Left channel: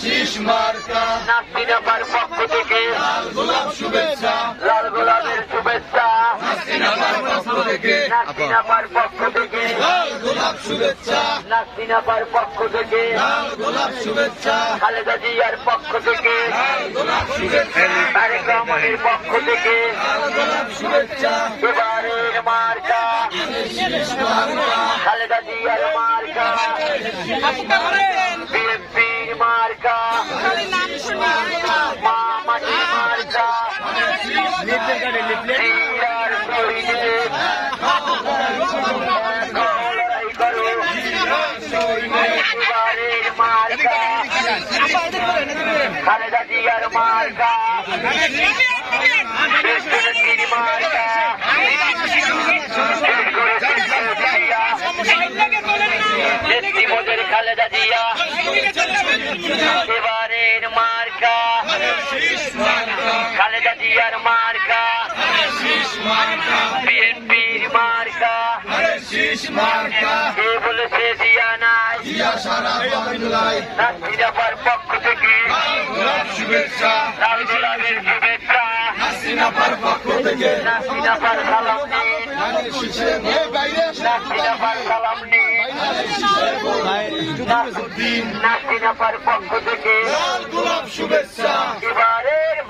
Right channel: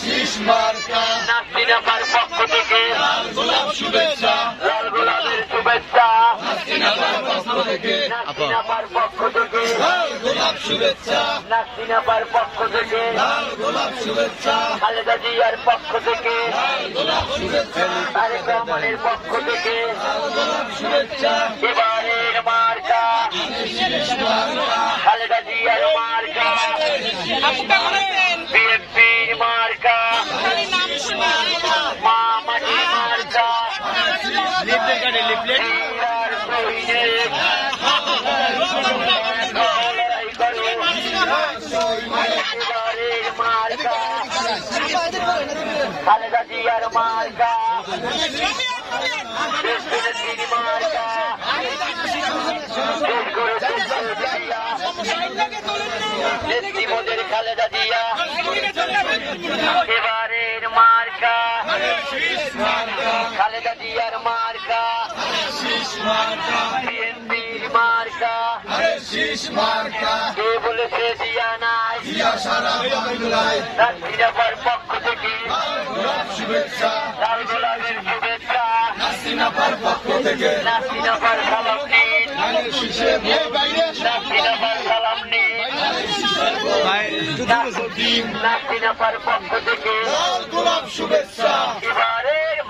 শীষ মার্কা নাসিনাপার পক্ষ থেকে লাল গোলাপ শুভেচ্ছা, লাল গোলাপের শুভেচ্ছা। নাসিনাপার পক্ষ থেকে নাসিনাপার পক্ষ থেকে লাল গোলাপ শুভেচ্ছা, নাসিনাপার পক্ষ থেকে লাল গোলাপ শুভেচ্ছা, খালেদা জিয়ার পক্ষ থেকে লাল গোলাপ শুভেচ্ছা, তারেক রহমানের পক্ষ থেকে লাল গোলাপ শুভেচ্ছা, এবারের মার্কা শীষ মার্কা খালেদা জিয়ার মার্কা বিএনপির মার্কা মা মাটির মার্কা জিয়ার শহীদের লড়াই করো এবারের মার্কা খালেদা জিয়ার মার্কা বিএনপির মার্কা নেত্রী মোদের খালেদা জিয়া এবারের মার্কা খালেদা জিয়ার মার্কা শীষ মার্কা বিএনপির মার্কা শীষ মার্কা কে বলেছে জিয়া নাই জিয়া সারা বাংলায় নাসিনাপার পক্ষ থেকে লাল গোলাপ শুভেচ্ছা, লাল গোলাপের শুভেচ্ছা। নাসিনাপার পক্ষ থেকে নাসিনাপার সালাম নিন নাসিনাপার সালাম নিন নাসিনাপার পক্ষ থেকে লাল গোলাপ শুভেচ্ছা, এবার